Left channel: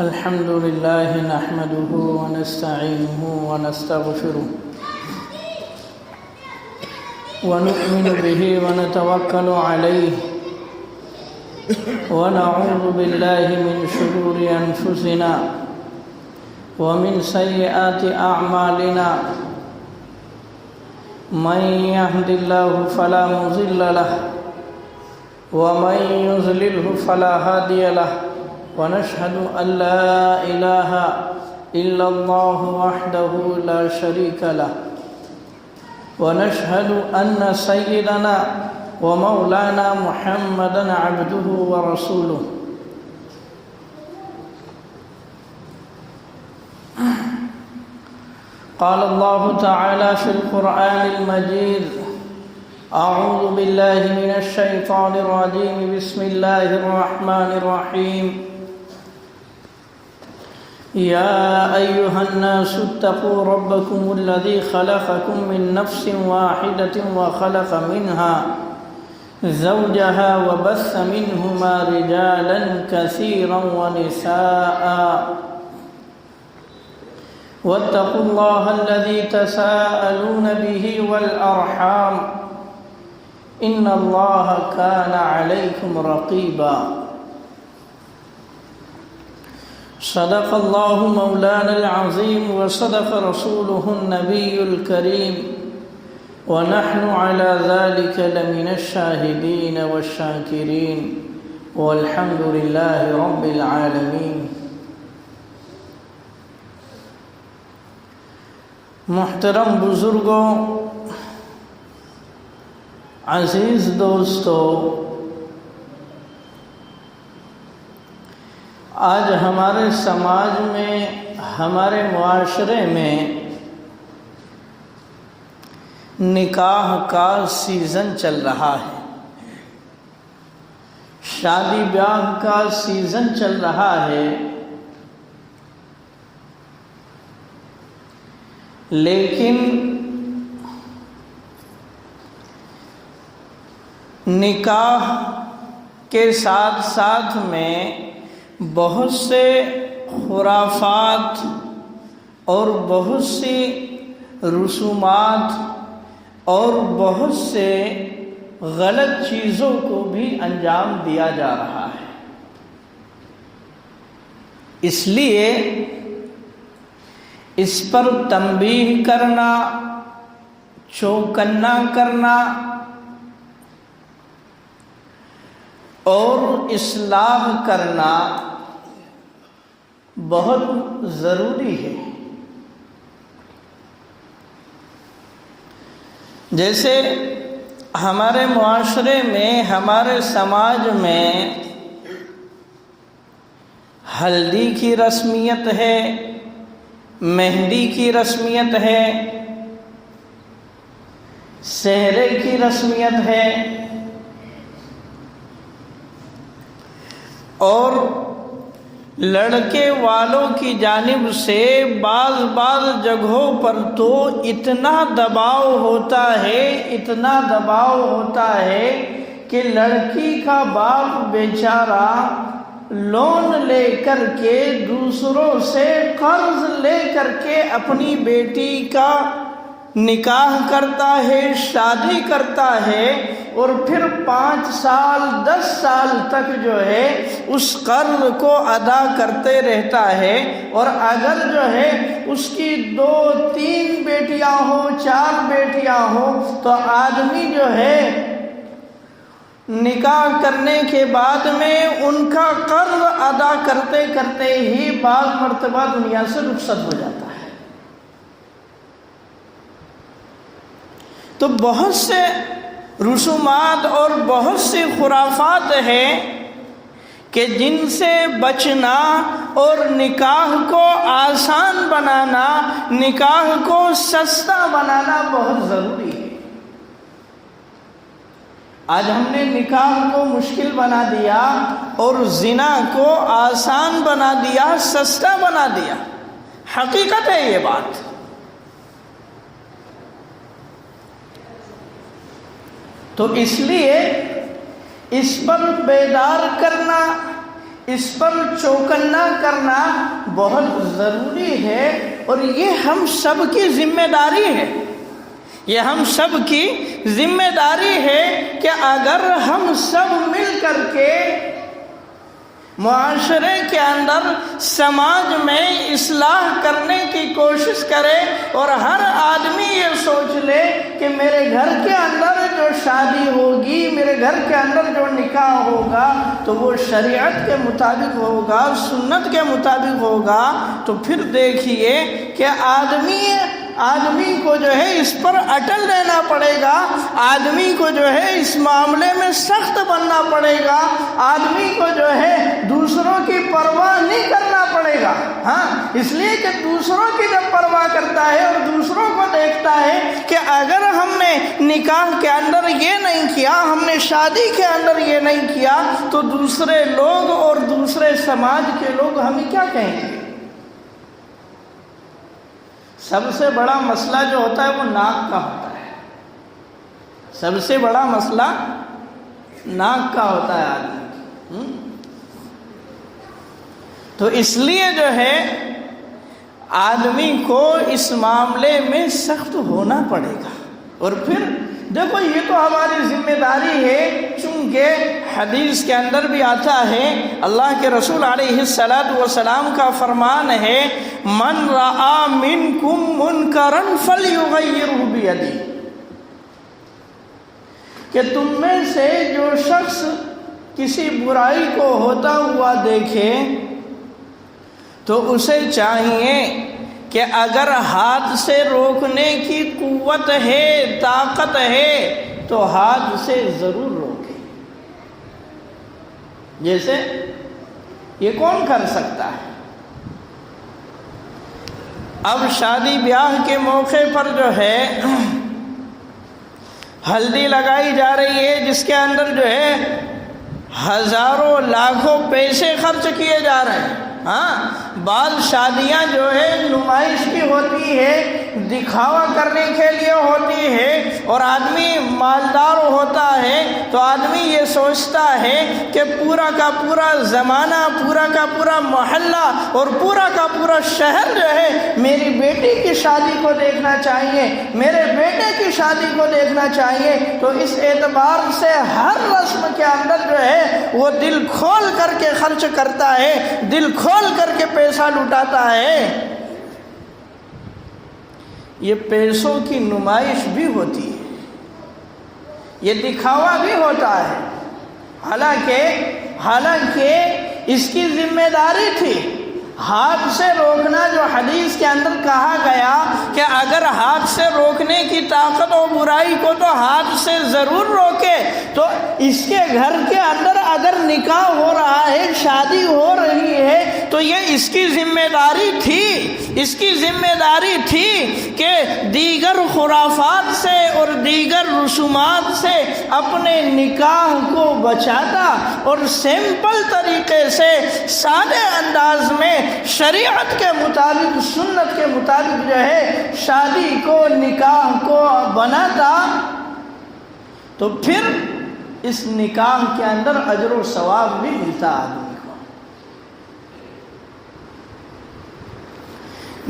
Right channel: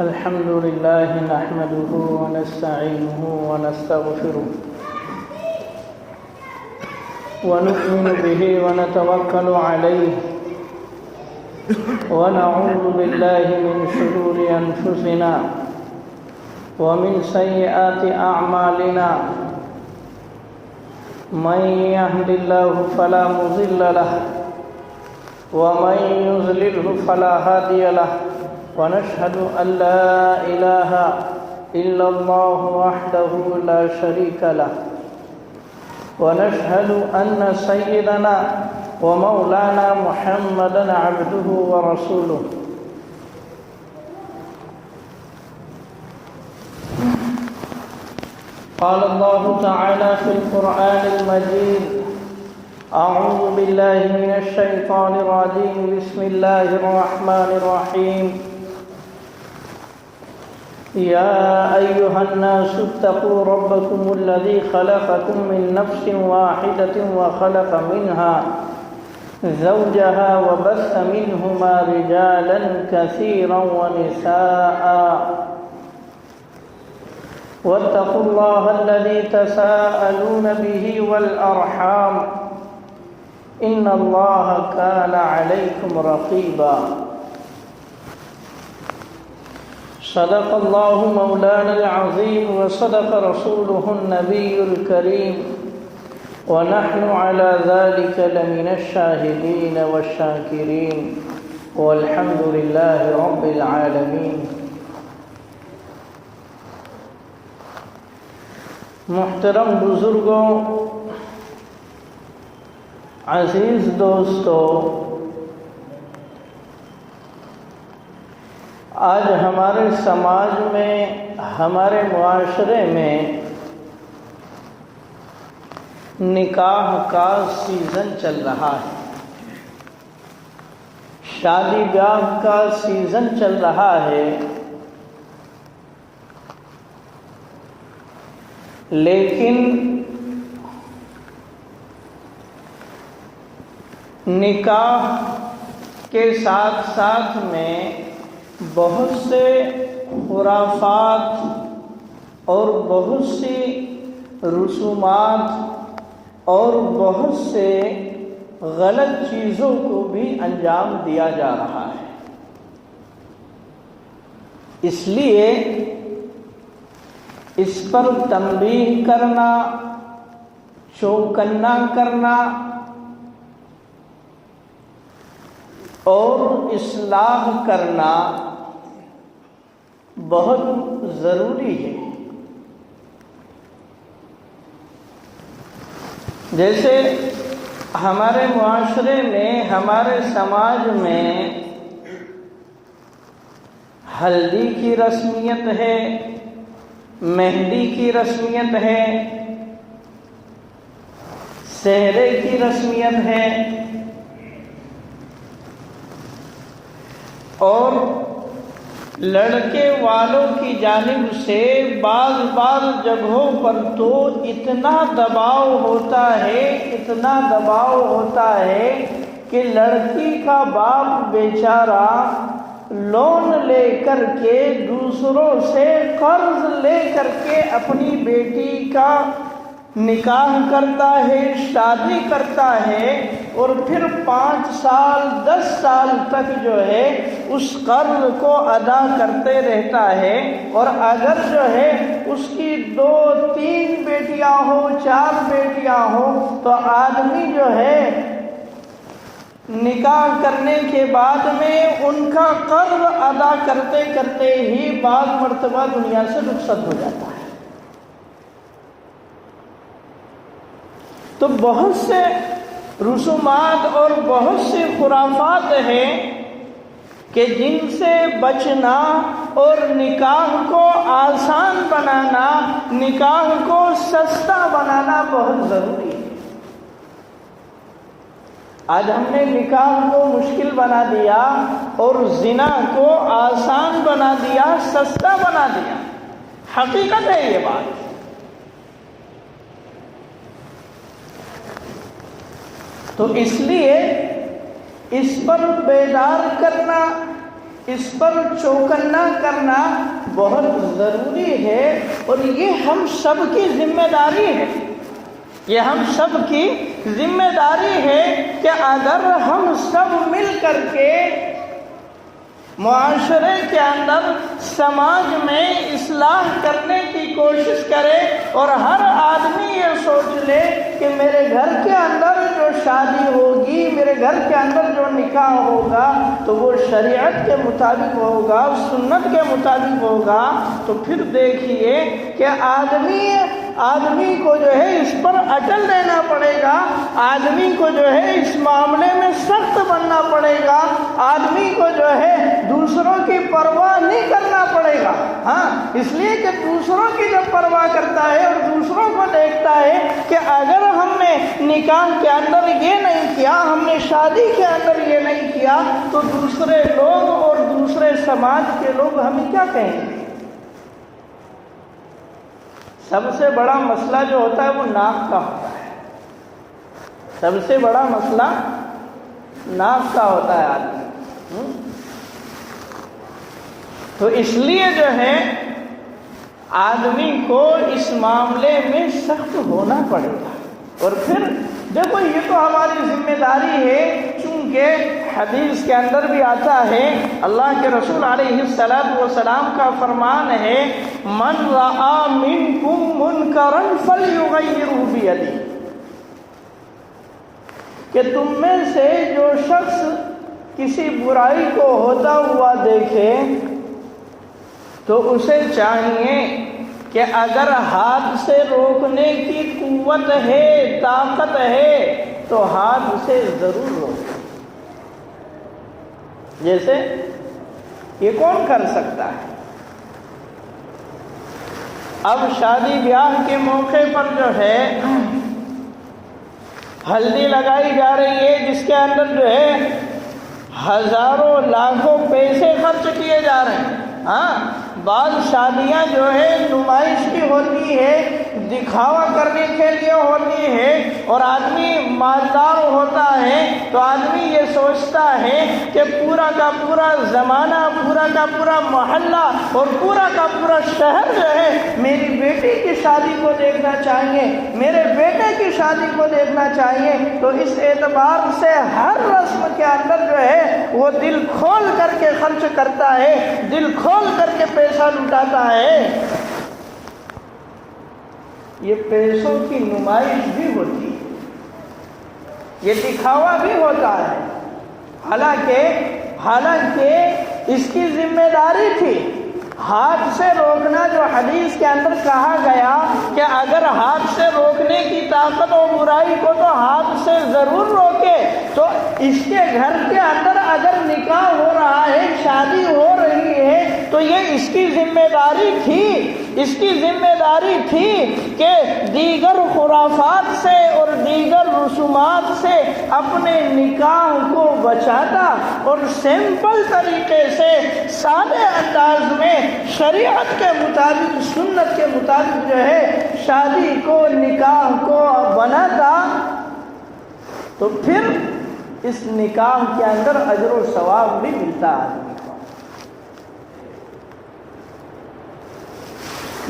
الحمد لله نحمده ونستعينه ونستغفره ونؤمن به ونتوكل عليه ونعوذ بالله من شرور أنفسنا ومن سيئات أعمالنا من يهد الله فلا مضل له ومن يضلله فلا هادي له ونشهد أن لا إله إلا الله وحده لا شريك له ونشهد أن سيدنا ومولانا محمدا عبده ورسوله قال الله تعالى في القرآن المجيد أعوذ بالله من الشيطان الرجيم بسم الله الرحمن الرحيم يا أيها الناس اتقوا ربكم الذي خلقكم من نفس واحدة وخلق منها زوجها وبث منهما رجالا كثيرا ونساء واتقوا الله الذي تساءلون به والأرحام إن الله كان عليكم رقيبا صدق الله مولانا العظيم وصدق رسوله النبي الكريم ونحن على ذلك لمن الشاهدين والشاكرين والحمد لله رب العالمين. محترم بزرگوں، عزیز دوستو، آج ہمارے سماج میں، ہمارے معاشرے میں نکاح کا سیزن چل رہا ہے، شادی بیاہ کا سیزن چل رہا ہے، لیکن نکاح کے ساتھ ساتھ میں بہت سے خرافات اور بہت سی رسومات اور بہت سے غلط چیزوں کو بھی انجام دیا جا رہا ہے. اس لیے اس پر تنبیہ کرنا، چوکنا کرنا اور اصلاح کرنا بہت ضروری ہے. جیسے ہمارے معاشرے میں، ہمارے سماج میں ہلدی کی رسمیت ہے، مہندی کی رسمیت ہے، سہرے کی رسمیت ہے، اور لڑکے والوں کی جانب سے بعض جگہوں پر تو اتنا دباؤ ہوتا ہے کہ لڑکی کا باپ بیچارہ لون لے کر کے، دوسروں سے قرض لے کر کے اپنی بیٹی کا نکاح کرتا ہے، شادی کرتا ہے، اور پھر 5 سال 10 سال تک جو ہے اس قرض کو ادا کرتے رہتا ہے. اور اگر جو ہے اس کی 2-3 بیٹیاں ہوں، 4 بیٹیاں ہوں، تو آدمی جو ہے نکاح کرنے کے بعد میں ان کا قرض ادا کرتے کرتے ہی بعض مرتبہ دنیا سے رخصت ہو جاتا ہے. تو بہت سے رسومات اور بہت سی خرافات ہیں کہ جن سے بچنا اور نکاح کو آسان بنانا، نکاح کو سستا بنانا بہت ضروری ہے. آج ہم نے نکاح کو مشکل بنا دیا اور زنا کو آسان بنا دیا، سستا بنا دیا. حقیقت ہے یہ بات. تو اس لیے اس پر بیدار کرنا، اس پر چوکنا کرنا بہت ضروری ہے، اور یہ ہم سب کی ذمہ داری ہے، یہ ہم سب کی ذمہ داری ہے کہ اگر ہم سب مل کر کے معاشرے کے اندر، سماج میں اصلاح کرنے کی کوشش کرے، اور ہر آدمی یہ سوچ لے کہ میرے گھر کے اندر جو شادی ہوگی، میرے گھر کے اندر جو نکاح ہوگا تو وہ شریعت کے مطابق ہوگا، سنت کے مطابق ہوگا، تو پھر دیکھیے کہ آدمی کو جو ہے اس پر اٹل رہنا پڑے گا، آدمی کو جو ہے اس معاملے میں سخت بننا پڑے گا، آدمی کو جو ہے دوسروں کی پرواہ نہیں کرنا پڑے گا۔ ہاں، اس لیے کہ دوسروں کی جب پرواہ کرتا ہے اور دوسروں کو دیکھتا ہے کہ اگر ہم نے نکاح کے اندر یہ نہیں کیا، ہم نے شادی کے اندر یہ نہیں کیا، تو دوسرے لوگ اور دوسرے سماج کے لوگ ہمیں کیا کہیں گے؟ سب سے بڑا مسئلہ جو ہوتا ہے وہ ناک کا ہوتا ہے، سب سے بڑا مسئلہ ناک کا ہوتا ہے آدمی۔ تو اس لیے جو ہے آدمی کو اس معاملے میں سخت ہونا پڑے گا۔ اور پھر دیکھو، یہ تو ہماری ذمہ داری ہے، چونکہ حدیث کے اندر بھی آتا ہے، اللہ کے رسول علیہ السلام کا فرمان ہے، من رآ منکم منکرا فلیغیرہ بیدہ، کہ تم میں سے جو شخص کسی برائی کو ہوتا ہوا دیکھے تو اسے چاہیے کہ اگر ہاتھ سے روکنے کی قوت ہے، طاقت ہے، تو ہاتھ سے ضرور روکے۔ جیسے یہ کون کر سکتا ہے؟ اب شادی بیاہ کے موقع پر جو ہے ہلدی لگائی جا رہی ہے، جس کے اندر جو ہے ہزاروں لاکھوں پیسے خرچ کیے جا رہے ہیں۔ ہاں، بعض شادیاں جو ہے نمائش بھی ہوتی ہے، دکھاوا کرنے کے لیے ہوتی ہے، اور آدمی مالدار ہوتا ہے تو آدمی یہ سوچتا ہے کہ پورا کا پورا زمانہ، پورا کا پورا محلہ اور پورا کا پورا شہر جو ہے میری بیٹی کی شادی کو دیکھنا چاہیے، میرے بیٹے کی شادی کو دیکھنا چاہیے۔ تو اس اعتبار سے ہر رسم کے اندر جو ہے وہ دل کھول کر کے خرچ کرتا ہے، دل کھول کر کے پیسہ لٹاتا ہے۔ یہ پیسوں کی نمائش بھی ہوتی ہے، یہ دکھاوا بھی ہوتا ہے، حالانکہ اس کی ذمہ داری تھی ہاتھ سے روکنا۔ جو حدیث کے اندر کہا گیا کہ اگر ہاتھ سے روکنے کی طاقت و برائی کو تو ہاتھ سے ضرور روکے، تو اس کے گھر کے اندر اگر نکاح ہو رہا ہے، شادی ہو رہی ہے، تو یہ اس کی ذمہ داری تھی، اس کی ذمہ داری تھی کہ دیگر خرافات سے اور دیگر رسومات سے اپنے نکاح کو بچاتا، اور سمپل طریقے سے سادے انداز میں شریعت کے مطابق، سنت کے مطابق جو ہے شادی کو، نکاح کو بناتا، تو پھر اس نکاح کے اندر اجر و ثواب بھی ملتا آدمی کو۔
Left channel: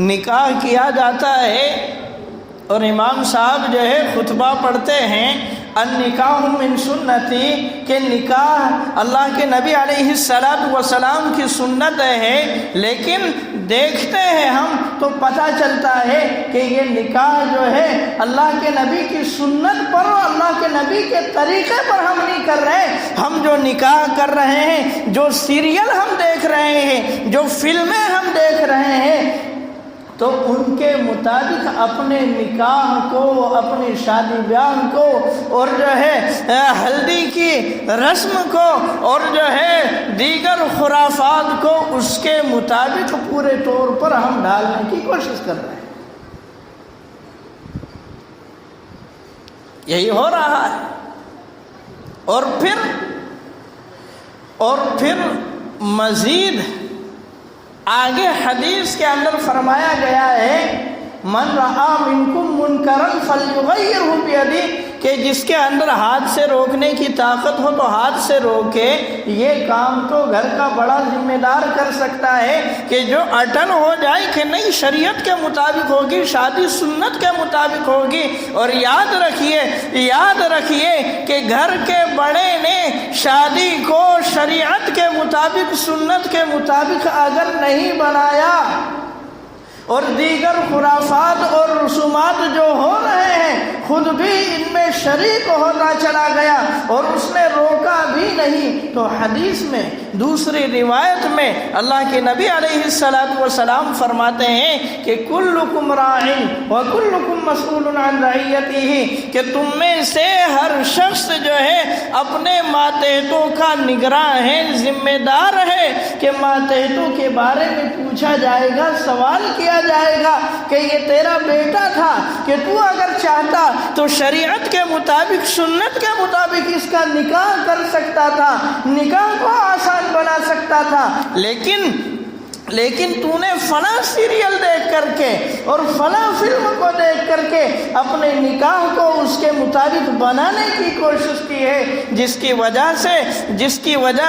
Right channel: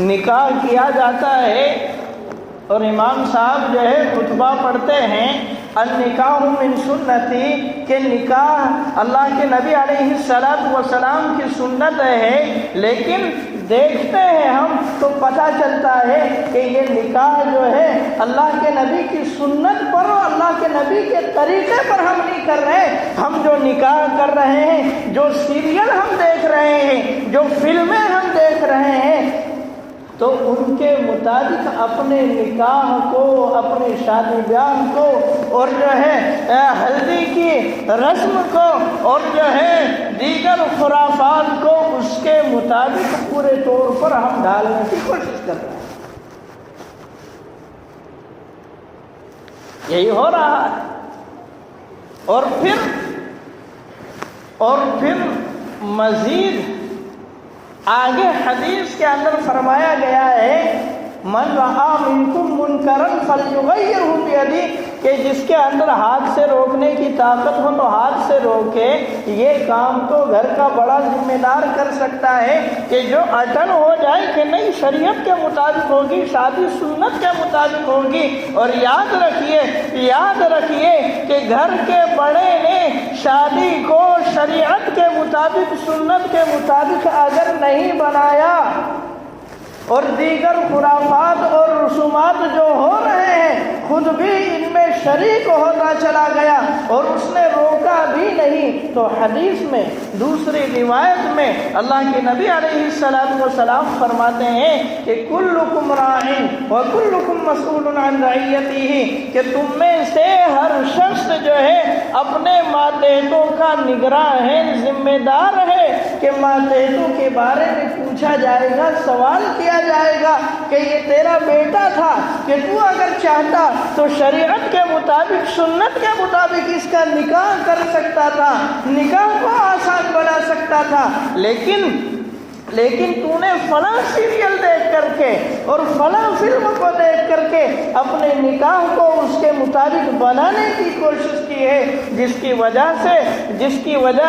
نکاح کیا جاتا ہے اور امام صاحب جو ہے خطبہ پڑھتے ہیں، النکاح من سنتی، کہ نکاح اللہ کے نبی علیہ السلام کی سنت ہے، لیکن دیکھتے ہیں ہم تو پتہ چلتا ہے کہ یہ نکاح جو ہے اللہ کے نبی کی سنت پر، اللہ کے نبی کے طریقے پر ہم نہیں کر رہے۔ ہم جو نکاح کر رہے ہیں، جو سیریل ہم دیکھ رہے ہیں، جو فلمیں ہم دیکھ رہے ہیں، تو ان کے مطابق اپنے نکاح کو، اپنے شادی بیاہ کو، اور جو ہے ہلدی کی رسم کو، اور جو ہے دیگر خرافات کو، اس کے مطابق پورے طور پر ہم ڈالنے کی کوشش کر رہے ہیں۔ یہی ہو رہا ہے۔ اور پھر مزید آگے حدیث کے اندر فرمایا گیا ہے من رآ منکم منکرا فلیغیرہ بیدہ، کہ جس کے اندر ہاتھ سے روکنے کی طاقت ہو تو ہاتھ سے روکے۔ یہ کام تو گھر کا بڑا ذمہ دار کر سکتا ہے کہ جو اٹل ہو جائے کہ نہیں شریعت کے مطابق ہوگی، شادی سنت کے مطابق ہوگی۔ اور یاد رکھیے کہ گھر کے بڑے نے شادی کو شریعت کے مطابق سنت کے مطابق اگر نہیں بنایا اور دیگر خرافات اور رسومات جو ہو رہے ہیں خود بھی ان میں شریک ہوتا چلا گیا اور اس نے روکا بھی نہیں، تو حدیث میں دوسری روایت میں اللہ کے نبی علیہ السلام فرماتے ہیں کہ کلکم راعٍ وکلکم مسئول عن رعیتہ، کہ تم میں سے ہر شخص جو ہے اپنے ماتحتوں کا نگراں ہے، ذمہ دار ہے کہ ماتحتوں کے بارے میں پوچھا جائے گا، سوال کیا جائے گا کہ یہ تیرا بیٹا تھا کہ تو اگر چاہتا تو شریعت کے مطابق سنت کے مطابق اس کا نکاح کر سکتا تھا، نکاح کو آسان بنا سکتا تھا، لیکن تو نے فلاں سیریل دیکھ کر کے اور فلاں فلم کو دیکھ کر کے اپنے نکاح کو اس کے مطابق بنانے کی کوشش کی ہے، جس کی وجہ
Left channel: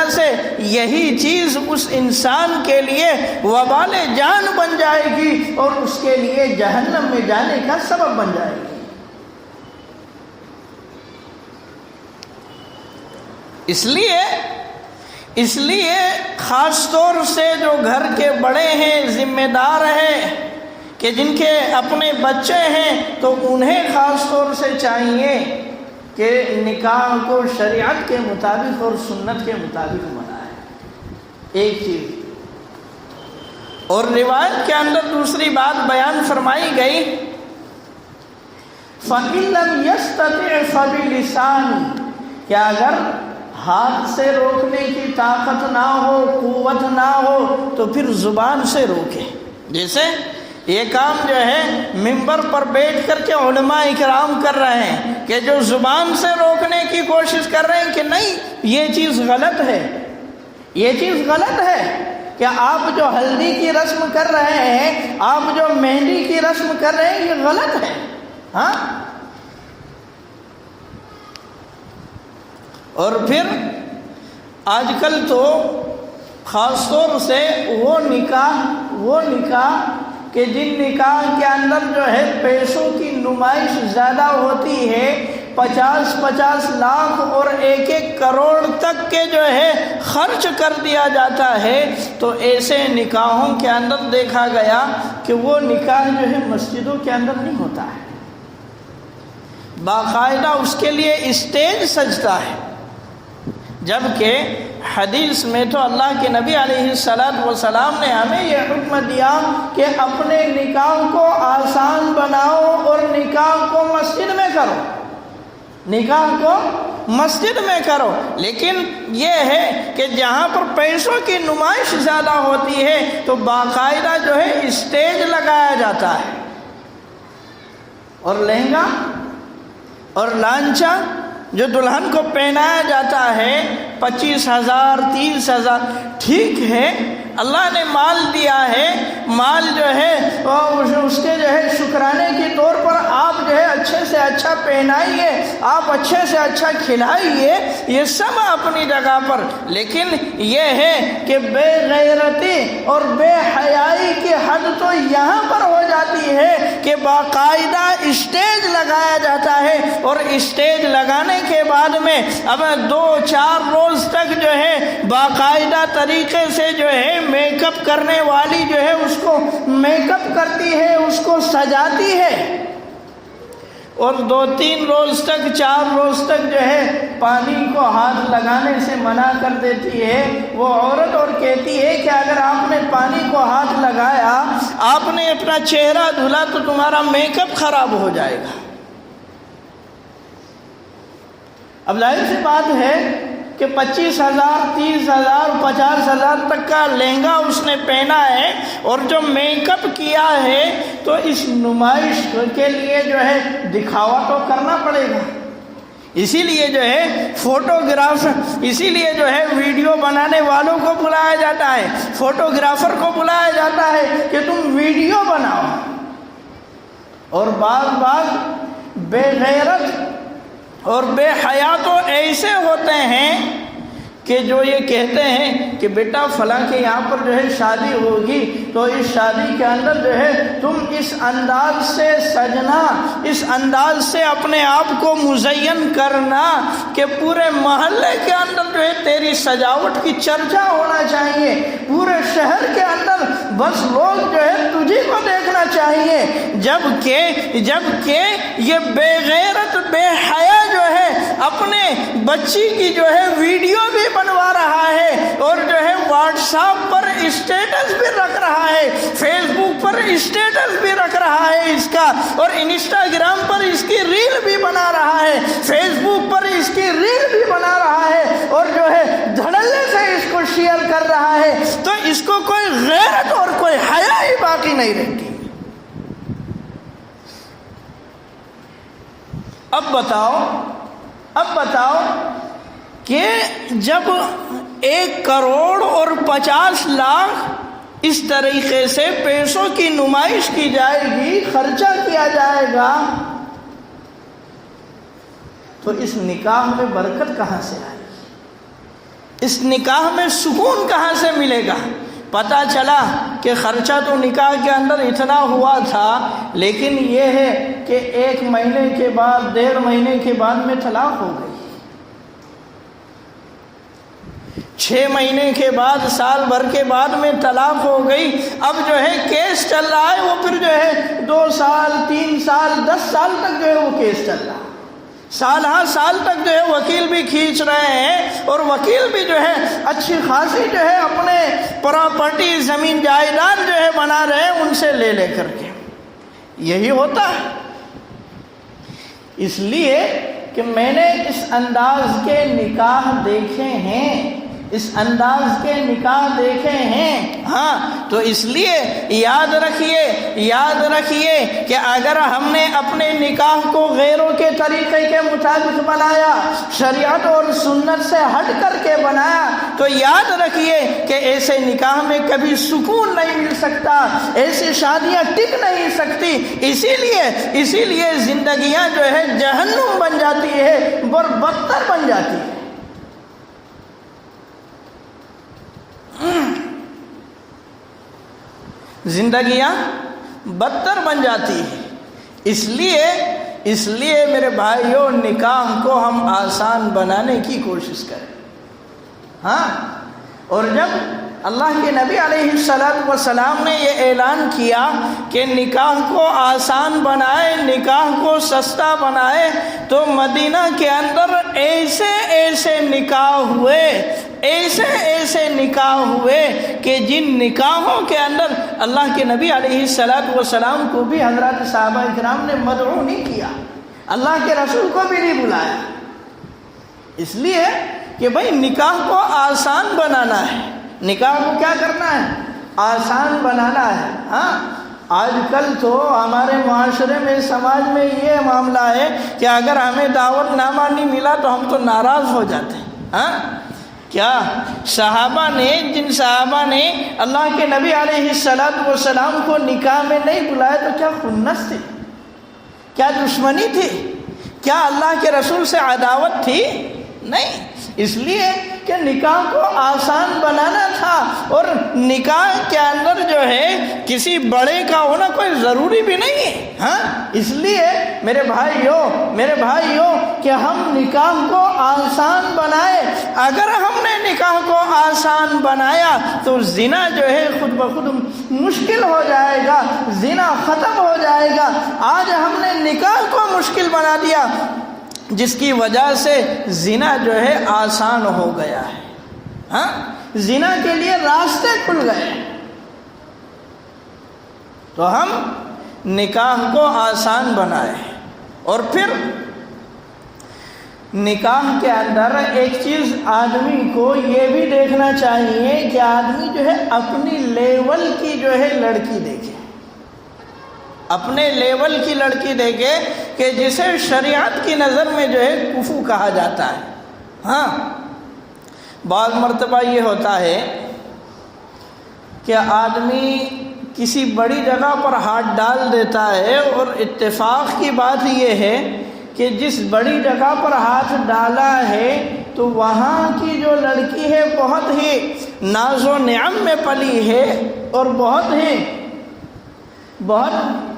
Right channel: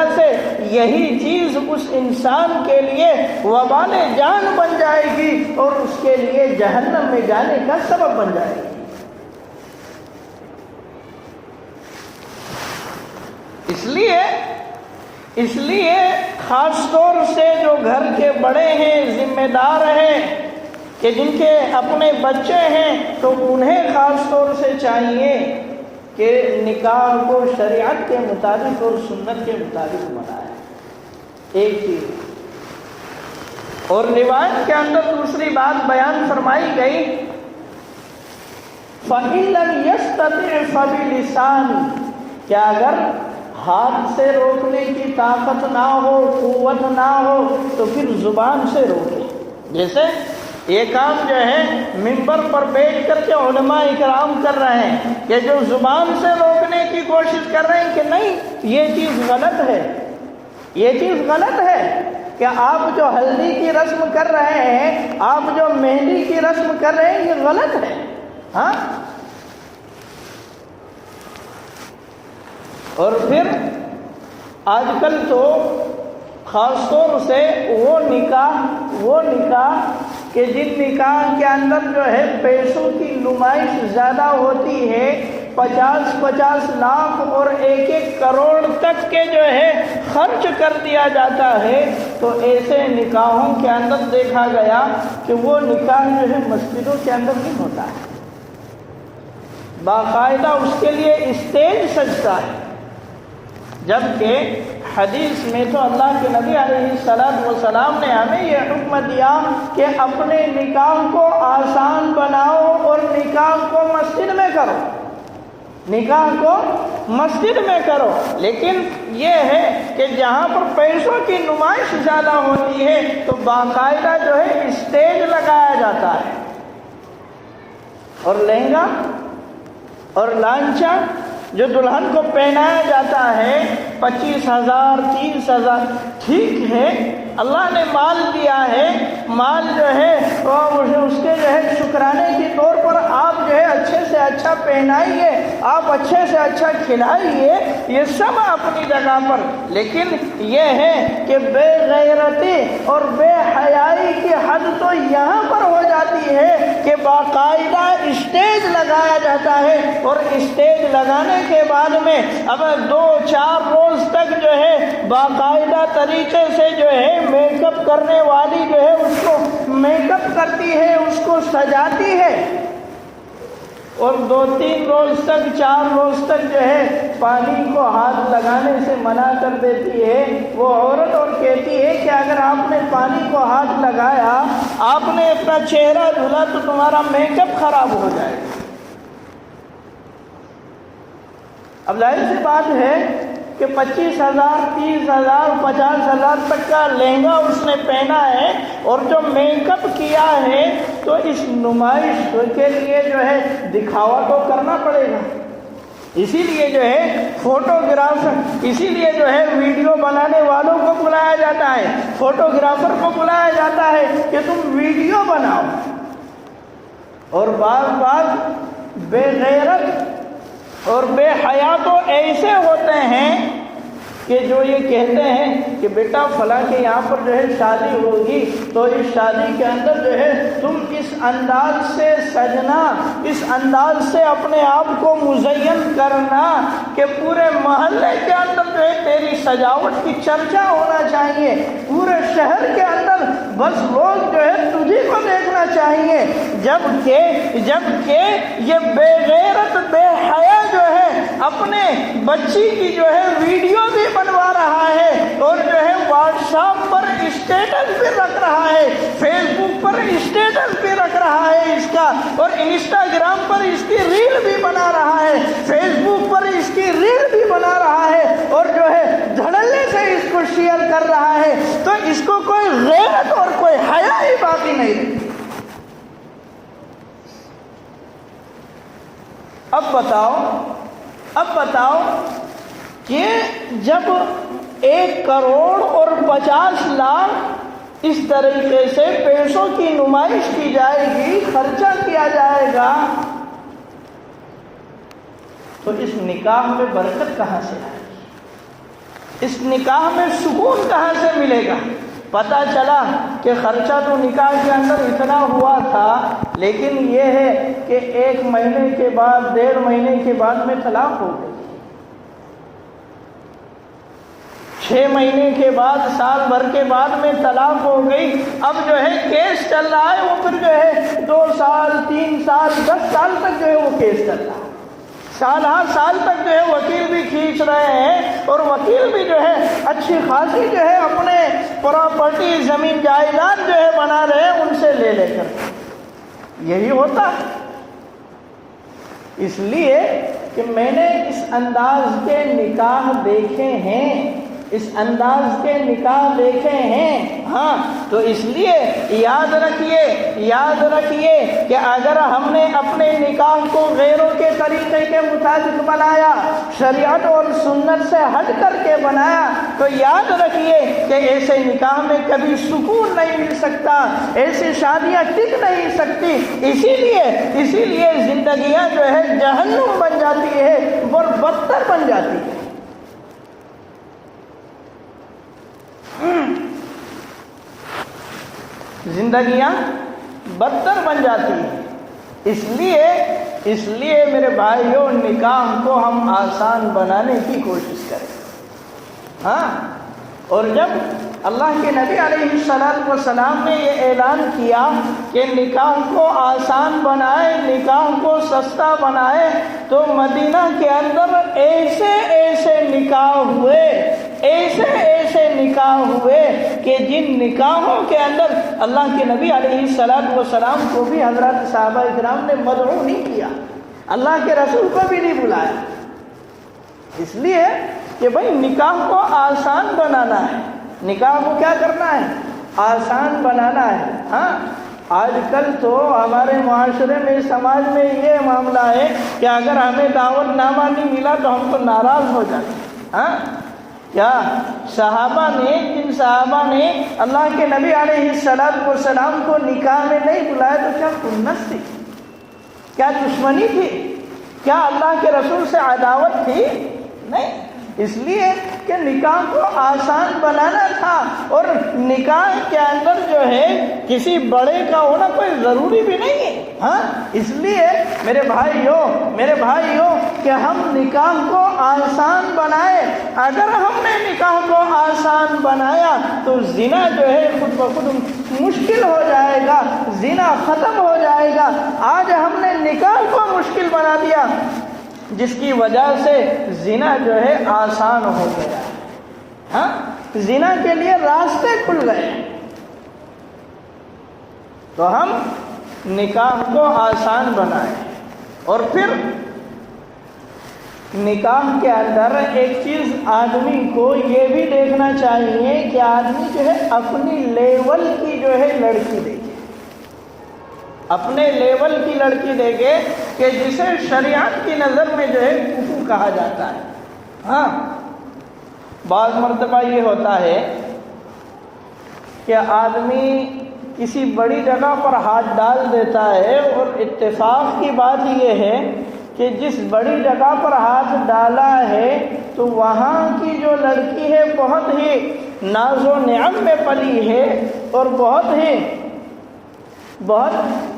سے یہی چیز اس انسان کے لیے وبال جان بن جائے گی اور اس کے لیے جہنم میں جانے کا سبب بن جائے گی۔ اس لیے خاص طور سے جو گھر کے بڑے ہیں، ذمہ دار ہیں، کہ جن کے اپنے بچے ہیں تو انہیں خاص طور سے چاہیے کہ نکاح کو شریعت کے مطابق اور سنت کے مطابق بنائے۔ ایک چیز اور روایت کے اندر دوسری بات بیان فرمائی گئی، فَإِن لَّمْ يَسْتَطِعْ فَبِلِسَانِهِ، کہ اگر ہاتھ سے روکنے کی طاقت نہ ہو، قوت نہ ہو، تو پھر زبان سے روکے۔ جیسے یہ کام جو ہے منبر پر بیٹھ کر کے علماء اکرام کر رہے ہیں کہ جو زبان سے روکنے کی کوشش کر رہے ہیں کہ نہیں یہ چیز غلط ہے، یہ چیز غلط ہے، کہ آپ جو ہلدی کی رسم کر رہے ہیں، آپ جو مہندی کی رسم کر رہے ہیں، یہ غلط ہے۔ ہاں، اور پھر آج کل تو خاص طور سے وہ نکاح کہ جن نکاح کے اندر جو ہے پیسوں کی نمائش زیادہ ہوتی ہے، 50 لاکھ اور 1 کروڑ تک کے جو ہے خرچ کر دیا جاتا ہے، تو ایسے نکاحوں کے اندر دیکھا گیا کہ وہ نکاح جو ہے مسجدوں کے اندر نہیں ہوتا ہے، باقاعدہ اس کے لیے اسٹیج سجتا ہے، جبکہ حدیث میں تو اللہ کے نبی علیہ السلام نے ہمیں یہ حکم دیا کہ اپنے نکاح کو آسان بناؤ اور نکاح کو مسجد میں کرو، نکاح کو مسجد میں کرو۔ لیکن یہ ہے کہ جہاں پر پیسوں کی نمائش زیادہ ہوتی ہے تو باقاعدہ جو ہے اسٹیج لگایا جاتا ہے، اور لہنگا اور لانچا جو دلہن کو پہنایا جاتا ہے 25,000 30,000، ٹھیک ہے اللہ نے مال دیا ہے، مال جو ہے اس کے جو ہے شکرانے کے طور پر آپ جو ہے اچھے سے اچھا پہنائیے، آپ اچھے سے اچھا کھلائیے، یہ سب اپنی جگہ پر، لیکن یہ ہے کہ بے غیرتی اور بے حیائی کی حد تو یہاں پر ہو جاتی ہے کہ باقاعدہ اسٹیج لگایا جاتا ہے، اور اسٹیج لگانے کے بعد میں اب 2-4 روز تک جو ہے باقاعدہ طریقے سے جو ہے میک اپ کرنے والی جو ہے اس کو میک اپ کرتی ہے، اس کو سجاتی ہے، اور 2-3 روز تک 4 روز تک جو ہے پانی کو ہاتھ لگانے سے منع کر دیتی ہے وہ عورت، اور کہتی ہے کہ اگر آپ نے پانی کو ہاتھ لگایا، آپ نے اپنا چہرہ دھلا تو تمہارا میک اپ خراب ہو جائے گا۔ اب ظاہر سی بات ہے کہ 25,000 30,000 50,000 تک کا لہنگا اس نے پہنا ہے اور جو میک اپ کیا ہے تو اس نمائش کے لیے جو ہے دکھاوا تو کرنا پڑے گا، اسی لیے جو ہے فوٹوگرافر، اسی لیے جو ہے ویڈیو بنانے والوں کو بلایا جاتا ہے، فوٹوگرافر کو بلایا جاتا ہے کہ تم ویڈیو بناؤ، اور بعض بے غیرت اور بے حیا تو ایسے ہوتے ہیں کہ جو یہ کہتے ہیں کہ بیٹا فلاں کے یہاں پر جو ہے شادی ہوگی تو اس شادی کے اندر جو ہے تم اس انداز سے سجنا، اس انداز سے اپنے آپ کو مزین کرنا کہ پورے محلے کے اندر جو ہے تیری سجاوٹ کی چرچا ہونا چاہیے، پورے شہر کے اندر بس لوگ جو ہے تجھے کو دیکھنا چاہیے، جبکہ یہ بے غیرت بے حیا جو ہے اپنے بچی کی جو ہے ویڈیو بھی بنوا رہا ہے اور جو ہے واٹس ایپ پر اسٹیٹس بھی رکھ رہا ہے، فیس بک پر اسٹیٹس بھی رکھ رہا ہے اس کا، اور انسٹاگرام پر اس کی ریل بھی بنا رہا ہے، فیس بک پر اس کی ریل بھی بنا رہا ہے اور جو ہے دھڑلے سے اس کو شیئر کر رہا ہے، تو اس کو کوئی غیرت اور کوئی حیا ہی باقی نہیں رہتی۔ اب بتاؤ کہ جب 1 کروڑ اور 50 لاکھ اس طریقے سے پیسوں کی نمائش کی جائے گی، خرچہ کیا جائے گا، تو اس نکاح میں برکت کہاں سے آئے گی؟ اس نکاح میں سکون کہاں سے ملے گا؟ پتہ چلا کہ خرچہ تو نکاح کے اندر اتنا ہوا تھا، لیکن یہ ہے کہ 1 مہینے کے بعد 1.5 مہینے کے بعد میں طلاق ہو گئی، 6 مہینے کے بعد سال بھر کے بعد میں طلاق ہو گئی، اب جو ہے کیس چل رہا ہے، وہ پھر جو ہے 2 سال 3 سال 10 سال تک جو ہے وہ کیس چل رہا ہے، سال تک جو ہے وکیل بھی کھینچ رہے ہیں اور وکیل بھی جو ہے اچھی خاصی جو ہے اپنے پراپرٹی زمین جائیداد جو ہے بنا رہے ہیں ان سے لے کر، یہی ہوتا ہے۔ اس لیے کہ میں نے اس انداز کے نکاح دیکھے ہیں، اس انداز کے نکاح دیکھے ہیں، ہاں، تو اس لیے یاد رکھیے کہ اگر ہم نے اپنے نکاح کو غیروں کے طریقے کے مطابق بنایا، شریعت اور سنت سے ہٹ کر کے بنایا، تو یاد رکھیے کہ ایسے نکاح میں کبھی سکون نہیں مل سکتا، ایسی شادیاں ٹک نہیں سکتی، اسی لیے زندگیاں جو ہے جہنم بن جاتی ہے اور بدتر بن جاتی ہے۔ زندگیاں بدتر بن جاتی ہے، اس لیے میرے بھائیوں نکاح کو ہم آسان بنانے کی کوشش کریں، ہاں، اور جب اللہ کے نبی علیہ السلام نے یہ اعلان کیا کہ نکاح کو آسان بنائے، نکاح کو سستا بنائے، تو مدینہ کے اندر ایسے نکاح ہوئے کہ جن نکاحوں کے اندر اللہ کے نبی علیہ السلام کو بھی حضرات صحابہ اکرام نے مدعو نہیں کیا، اللہ کے رسول کو بھی نہیں بلایا، اس لیے کہ بھئی نکاح کو آسان بنانا ہے، نکاح کو کیا کرنا ہے؟ آسان بنانا ہے، ہاں۔ آج کل تو ہمارے معاشرے میں، سماج میں یہ معاملہ ہے کہ اگر ہمیں دعوت نامہ نہیں ملا تو ہم تو ناراض ہو جاتے ہیں، ہاں۔ کیا جن صحابہ نے اللہ کے نبی علیہ السلام کو نکاح میں نہیں بلایا تو کیا خنث تھی؟ کیا دشمنی تھی؟ کیا اللہ کے رسول سے عداوت تھی؟ نہیں، اس لیے کہ نکاح کو آسان بنانا تھا، اور نکاح کے اندر جو ہے کسی بڑے کا ہونا کوئی ضروری بھی نہیں ہے، ہاں۔ اس لیے میرے بھائیوں کہ ہم نکاح کو آسان بنائے، اگر ہم نے نکاح کو آسان بنایا تو زنا جو ہے خود بخود مشکل ہو جائے گا، زنا ختم ہو جائے گا۔ آج ہم نے نکاح کو مشکل بنا دیا، جس کی وجہ سے زنا جو ہے آسان ہو گیا ہے، ہاں، زنا کے لیے راستے کھل گئے۔ تو ہم نکاح کو آسان بنائیں، اور پھر نکاح کے اندر ایک چیز آدمی کو یہ بھی دیکھنا چاہیے کہ آدمی جو ہے اپنی لیول کی جو ہے لڑکی دیکھے، اپنے لیول کی لڑکی دیکھے کہ جسے شریعت کی نظر میں جو ہے کفو کہا جاتا ہے، ہاں۔ بعض مرتبہ یہ ہوتا ہے کہ آدمی کسی بڑی جگہ پر ہاتھ ڈال دیتا ہے، اور اتفاق کی بات یہ ہے کہ جس بڑی جگہ پر ہاتھ ڈالا ہے تو وہاں کی جو لڑکی ہے بہت ہی ناز و نعم میں پلی ہے، اور بہت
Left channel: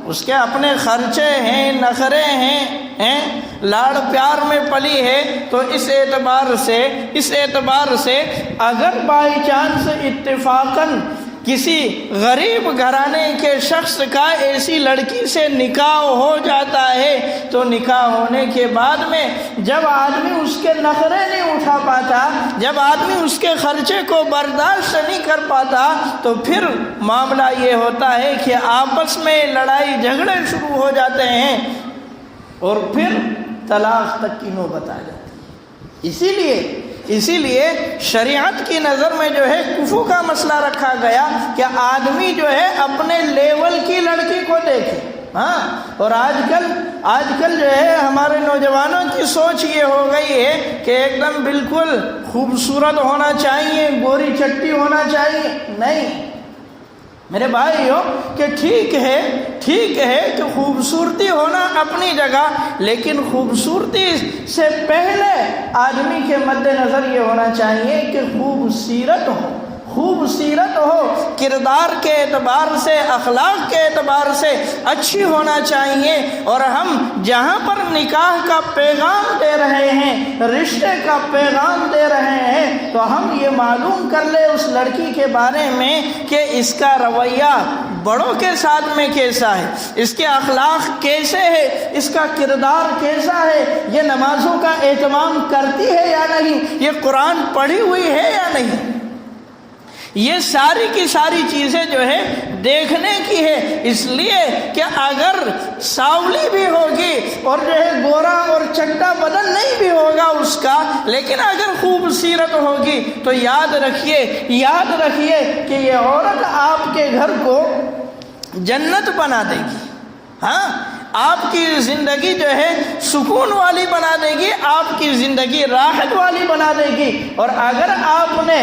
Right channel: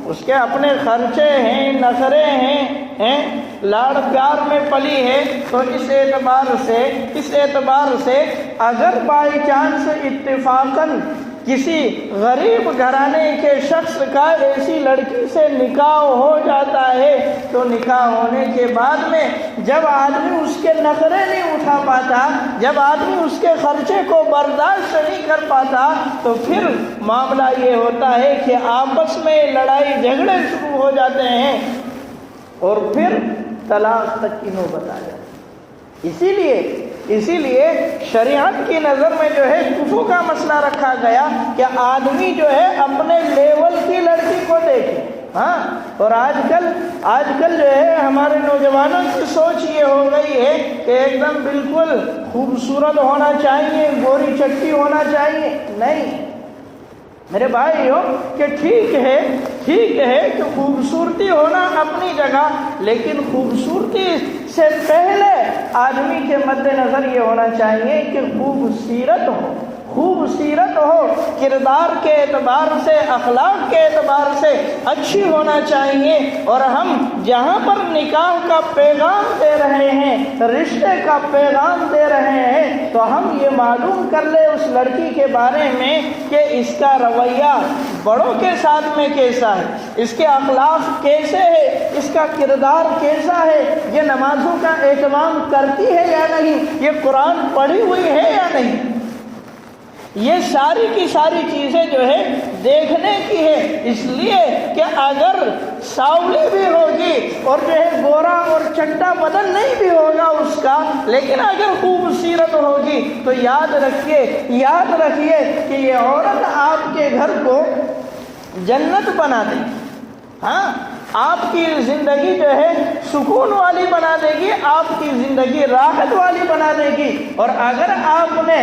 اس کے اپنے خرچے ہیں، نخرے ہیں، لاڑ پیار میں پلی ہے. تو اس اعتبار سے اگر بائی چانس اتفاقاً کسی غریب گھرانے کے شخص کا ایسی لڑکی سے نکاح ہو جاتا ہے، تو نکاح ہونے کے بعد میں جب آدمی اس کے نخرے نہیں اٹھا پاتا، جب آدمی اس کے خرچے کو برداشت نہیں کر پاتا، تو پھر معاملہ یہ ہوتا ہے کہ آپس میں لڑائی جھگڑے شروع ہو جاتے ہیں، اور پھر طلاق تک کی نوبت آ جاتی ہے. اسی لیے شریعت کی نظر میں جو ہے کفو کا مسئلہ رکھا گیا کہ آدمی جو ہے اپنے لیول کی لڑکی کو دیکھے. اور آج کل جو ہے ہمارے نوجوانوں کی سوچ یہ ہو گئی ہے کہ ایک دم بالکل خوبصورت ہونا چاہیے، گوری چٹی ہونا چاہیے. نہیں میرے بھائیو، کہ ٹھیک ہے کہ خوبصورتی ہونا اپنی جگہ، لیکن خوبصورتی سے پہلے آدمی کے مد نظر یہ ہونا چاہیے کہ خوبصورت ہو، کردار کے اعتبار سے، اخلاق کے اعتبار سے اچھی ہونا چاہیے. اور ہم جہاں پر نکاح کا پیغام دے رہے ہیں، رشتے کا پیغام دے رہے ہیں، تو ہم یہ معلوم کر لیں اس لڑکی کے بارے میں کہ اس کا رویہ بڑوں کے ساتھ میں کیسا ہے، اس کے اخلاق کیسے ہے، اس کا کردار کیسا ہے، یہ نمازوں کا اہتمام کرتی ہے یا نہیں، یہ قرآن پڑھی ہوئی ہے یا نہیں. یہ ساری کی ساری چیزیں جو ہے دیکھنے کی ہے. اس لیے کہ اگر ساولی بھی ہوگی اور جو ہے گورا اور چٹا بدن نہیں بھی ہوگا اس کا، لیکن اگر خوبصورت ہوگی تو یاد رکھیے کہ یہ عورت آپ کے گھر کو جنت بنا دے گی. آپ کی زندگی جو ہے سکون والی بنا دے گی، آپ کی زندگی راحت والی بنا دے گی. اور اگر آپ نے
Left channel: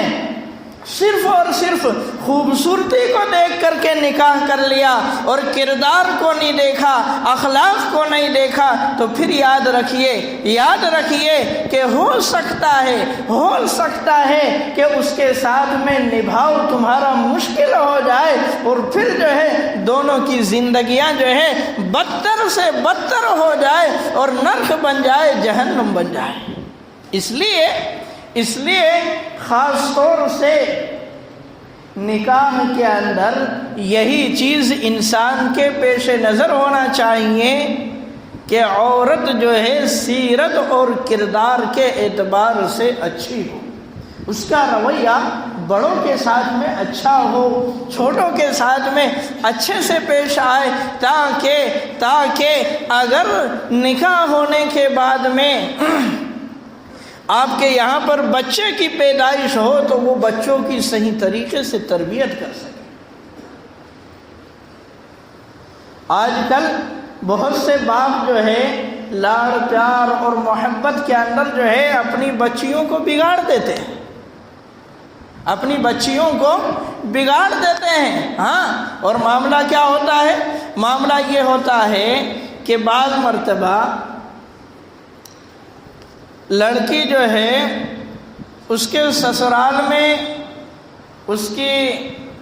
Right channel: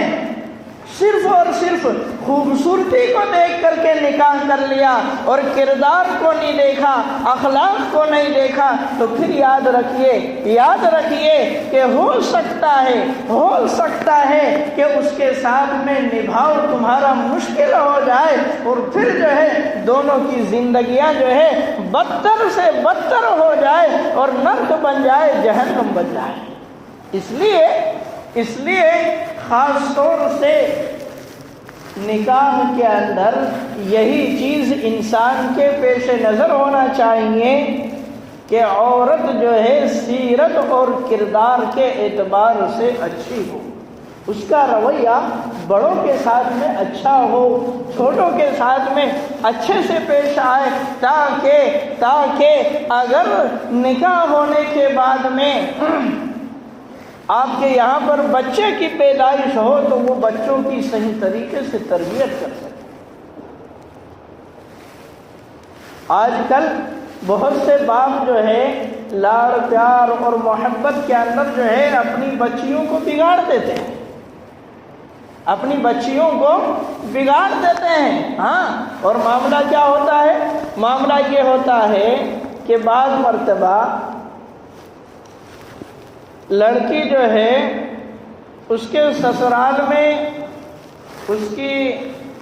صرف اور صرف خوبصورتی کو دیکھ کر کے نکاح کر لیا اور کردار کو نہیں دیکھا، اخلاق کو نہیں دیکھا، تو پھر یاد رکھیے کہ ہو سکتا ہے کہ اس کے ساتھ میں نبھاؤ تمہارا مشکل ہو جائے، اور پھر جو ہے دونوں کی زندگیاں جو ہے بدتر سے بدتر ہو جائے اور نرک بن جائے، جہنم بن جائے. اس لیے خاص طور سے نکاح کے اندر یہی چیز انسان کے پیش نظر ہونا چاہیے کہ عورت جو ہے سیرت اور کردار کے اعتبار سے اچھی ہو، اس کا رویہ بڑوں کے ساتھ میں اچھا ہو، چھوٹوں کے ساتھ میں اچھے سے پیش آئے، تاکہ اگر نکاح ہونے کے بعد میں آپ کے یہاں پر بچے کی پیدائش ہو تو وہ بچوں کی صحیح طریقے سے تربیت کر سکے. آج کل بہت سے باپ جو ہے لاڑ پیار اور محبت کے اندر جو ہے اپنی بچیوں کو بگاڑ دیتے ہیں، اور معاملہ کیا ہوتا ہے؟ معاملہ یہ ہوتا ہے کہ بعض مرتبہ لڑکی جو ہے اس کے سسرال میں اس کی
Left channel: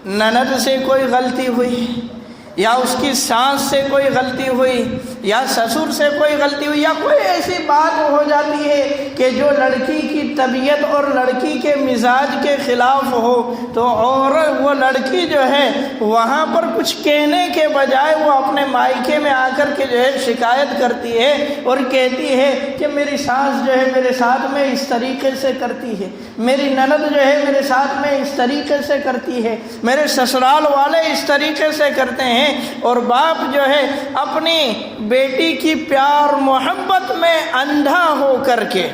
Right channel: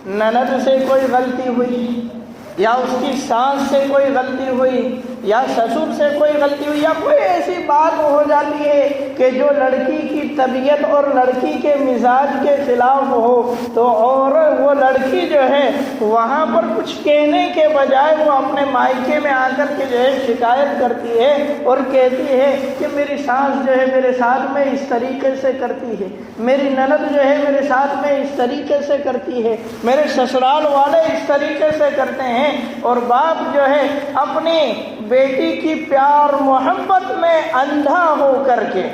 نند سے کوئی غلطی ہوئی، یا اس کی ساس سے کوئی غلطی ہوئی، یا سسر سے کوئی غلطی ہوئی، یا کوئی ایسی بات ہو جاتی ہے کہ جو لڑکی کی طبیعت اور لڑکی کے مزاج کے خلاف ہو، تو اور وہ لڑکی جو ہے وہاں پر کچھ کہنے کے بجائے وہ اپنے مائکے میں آ کر کے جو ہے شکایت کرتی ہے اور کہتی ہے کہ میری ساس جو ہے میرے ساتھ میں اس طریقے سے کرتی ہے، میری نند جو ہے میرے ساتھ میں اس طریقے سے کرتی ہے، میرے سسرال والے اس طریقے سے کرتے ہیں. اور باپ جو ہے اپنی بیٹی کی پیار محبت میں اندھا ہو کر کے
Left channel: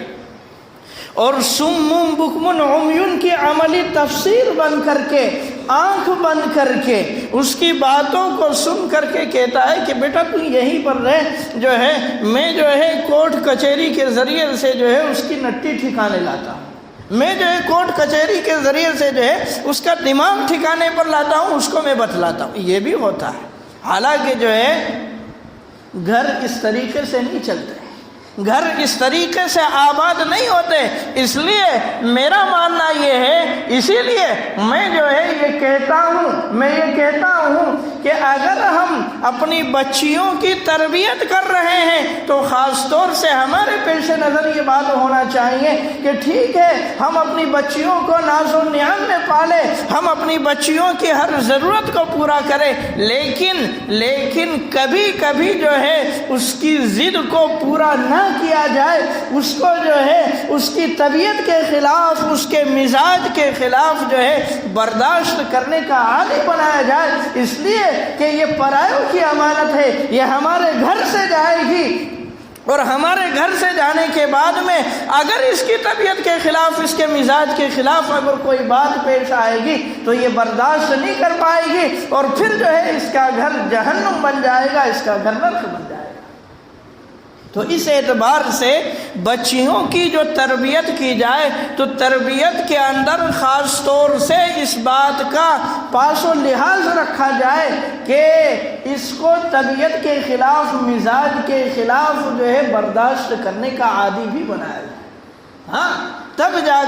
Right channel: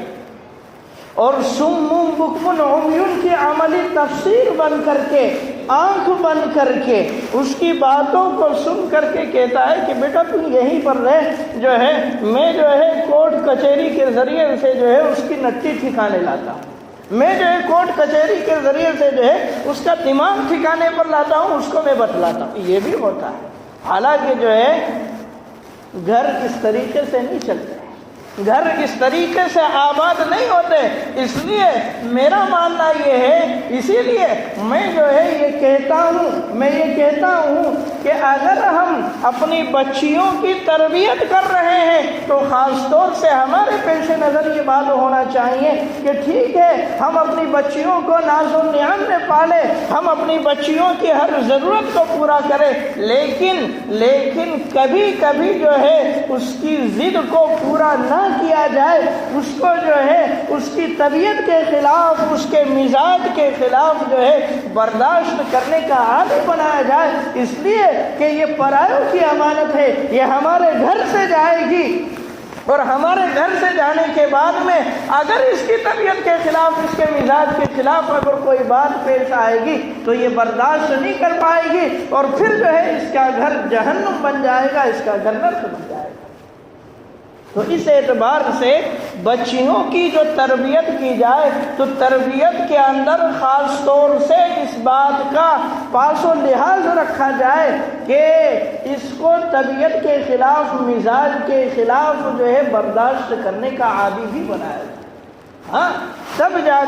اور سم بکم عمیون کی عملی تفسیر بن کر کے، آنکھ بن کر کے اس کی باتوں کو سن کر کے کہتا ہے کہ بیٹا تو یہیں پر رہ، جو ہے میں جو ہے کورٹ کچہری کے ذریعے سے جو ہے اس کی نٹی ٹھکانے لاتا ہوں، میں جو ہے کورٹ کچہری کے ذریعے سے جو ہے اس کا دماغ ٹھکانے پر لاتا ہوں، اس کو میں بتلاتا ہوں. یہ بھی ہوتا ہے. حالانکہ جو ہے گھر اس طریقے سے نہیں چلتے, گھر اس طریقے سے آباد نہیں ہوتے. اس لیے میرا ماننا یہ ہے, اسی لیے میں جو ہے یہ کہتا ہوں کہ اگر ہم اپنی بچیوں کی تربیت کر رہے ہیں تو خاص طور سے ہمارے پیش نظر یہ بات ہونا چاہیے کہ ٹھیک ہے ہم اپنی بچیوں کو ناز و نعم میں پالیں, ہم اپنی بچیوں کی ہر ضرورت کو پورا کریں, لیکن کبھی کبھی جو ہے اس کی ضد کو پورا نہ کیا جائے, اس کو جو ہے اس کی طبیعت کے خلاف, اس کے مزاج کے خلاف جو ہے برداشت کرنے کا عادی بنایا جائے. اس لیے کہ یہ پرایوں کی امانت ہے, یہ ہمارے گھر سے جائے گی, اور ہمارے گھر سے جانے کے بعد میں اگر اس کی طبیعت کے خلاف, اس کے مزاج کے خلاف اگر کوئی بات پیش آئے گی تو یہ برداشت نہیں کر پائے گی, اور پھر جو ہے اس کا گھر جہنم بن جائے گا, اس کا گھر نرک بن جائے گا. تو اس اعتبار سے بچیوں کی جو تربیت کی جائے تو تربیت کے اندر خاص طور سے اس بات کا پاس و لحاظ رکھا جائے کہ اس کو طبیعت کے خلاف, مزاج کے خلاف جو ہے برداشت کرنے کا عادی بھی بنایا جائے. ہاں, تب جا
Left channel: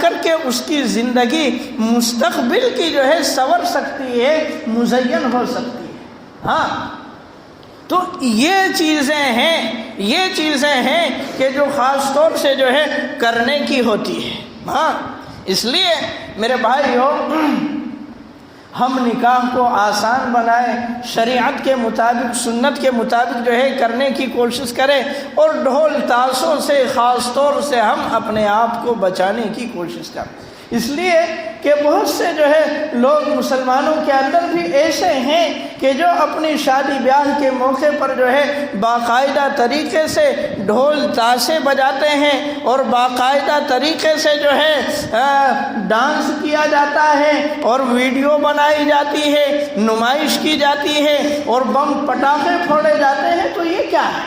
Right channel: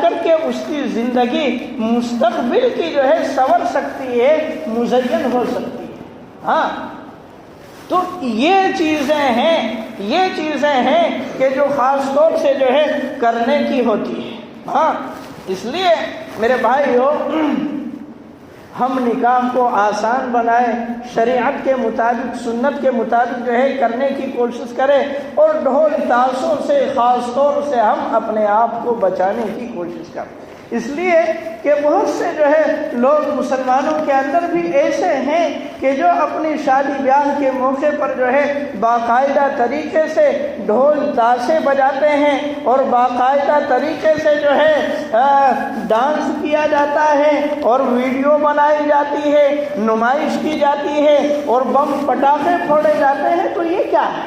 کر کے اس کی زندگی مستقبل کی جو ہے سنور سکتی ہے, مزین ہو سکتی ہے. ہاں, تو یہ چیزیں ہیں کہ جو خاص طور سے جو ہے کرنے کی ہوتی ہے. ہاں, اس لیے میرے بھائیو ہم نکاح کو آسان بنائیں, شریعت کے مطابق, سنت کے مطابق جو ہے کرنے کی کوشش کریں, اور ڈھول تاشوں سے خاص طور سے ہم اپنے آپ کو بچانے کی کوشش کریں. اس لیے کہ بہت سے جو ہے لوگ مسلمانوں کے اندر بھی ایسے ہیں کہ جو اپنی شادی بیاہ کے موقع پر جو ہے باقاعدہ طریقے سے ڈھول تاشے بجاتے ہیں, اور باقاعدہ طریقے سے جو ہے ڈانس کیا جاتا ہے, اور ویڈیو بنائی جاتی ہے, نمائش کی جاتی ہے, اور بم پٹاخے پھوڑے جاتے ہیں. تو یہ کیا ہے؟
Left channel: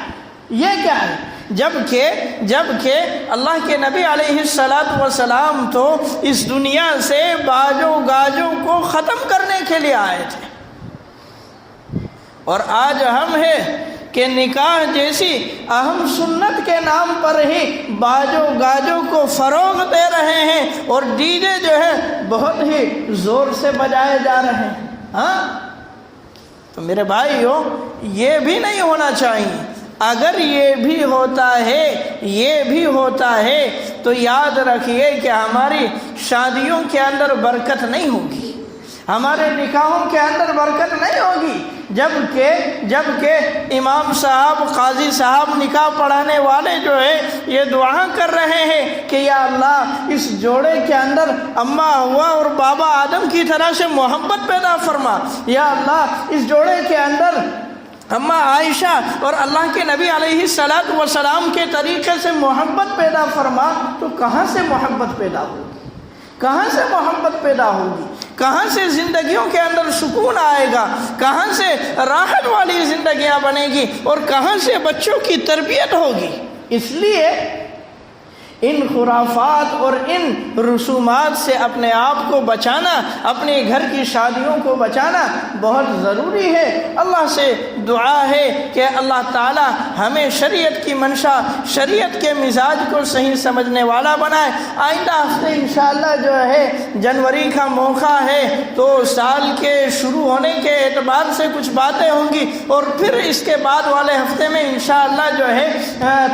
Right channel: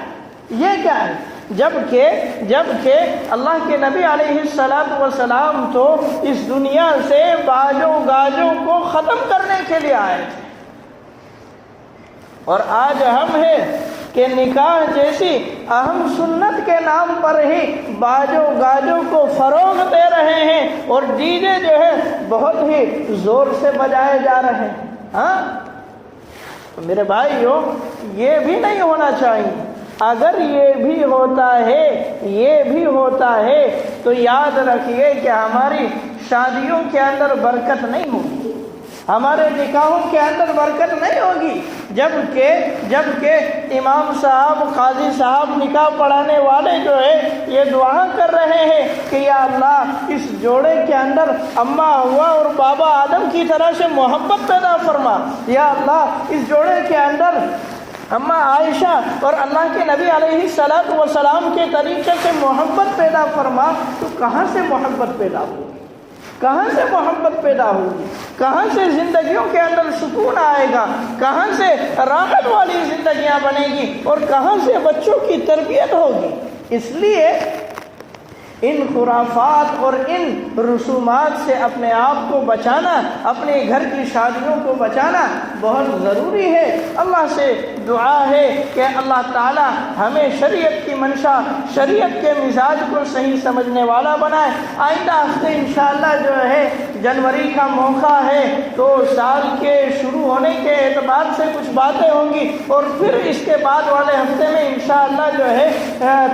جبکہ اللہ کے نبی علیہ السلام تو اس دنیا سے باجوں گاجوں کو ختم کرنے کے لیے آئے تھے, اور آج ہم ہیں کہ نکاح جیسی اہم سنت کے نام پر ہی باجوں گاجوں کو فروغ دے رہے ہیں, اور ڈی جے جو ہے بہت ہی زور سے بجائے جا رہے ہیں. ہاں, تو میرے بھائیو یہ بھی نہیں ہونا چاہیے. اگر یہ بھی ہوتا ہے تو یاد رکھیے کہ ہماری شادیوں کے اندر برکت نہیں ہوگی, ہمارے نکاحوں کے اندر برکت نہیں ہوگی. جبکہ امام صاحب, قاضی صاحب, نکاح پڑھانے والے جو ہے یہ دعا کر رہے ہیں کہ یا اللہ اس جوڑے کے اندر اماں ہوا اور بابا آدم کی طرح سے محبت پیدا فرما. یا اللہ اس جوڑے کے اندر اماں عائشہ اور اللہ کے نبی علیہ السلام کے طریقے سے محبت پیدا فرما. تو کہاں سے محبت پیدا ہوگی؟ کہاں سے زندگیوں کے اندر سکون آئے گا؟ کہاں سے راحت والی زندگیاں بنے گی؟ اور کہاں سے بچوں کی تربیت ہوگی؟ اس لیے ان خرافات اور ان رسومات سے اپنے آپ کو بچانا, اپنے گھر کی شادیوں کو بچانا بہت ضروری ہے. اللہ سے دعا ہے کہ اللہ تعالی ہمیں شریعت کی منشا, شریعت کے مزاج کو صحیح سمجھنے والا بنائے. آئندہ ہفتے انشاءاللہ جو ہے جنوری کا موقع ہے تو سال کے شروع ہونے کے اعتبار سے کچھ باتیں ہوں گی, اور پھر اس کے بعد والے ہفتے میں انشاءاللہ جو ہے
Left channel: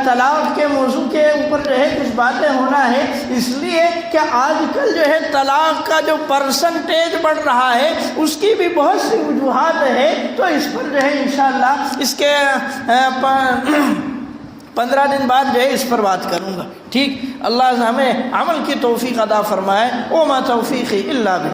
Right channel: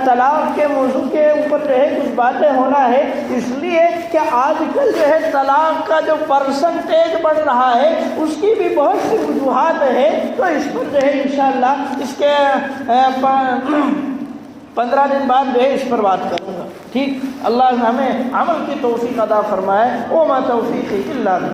طلاق کے موضوع کے اوپر جو ہے کچھ باتیں ہونا ہے. اس لیے کہ آج کل جو ہے طلاق کا جو پرسنٹیج بڑھ رہا ہے اس کی بھی بہت سی وجوہات ہے, تو اس پر جو ہے انشاءاللہ اس کے 15 دن بعد جو ہے اس پر بات کروں گا. ٹھیک, اللہ ہمیں عمل کی توفیق عطا فرمائے. وما توفیقی الا باللہ.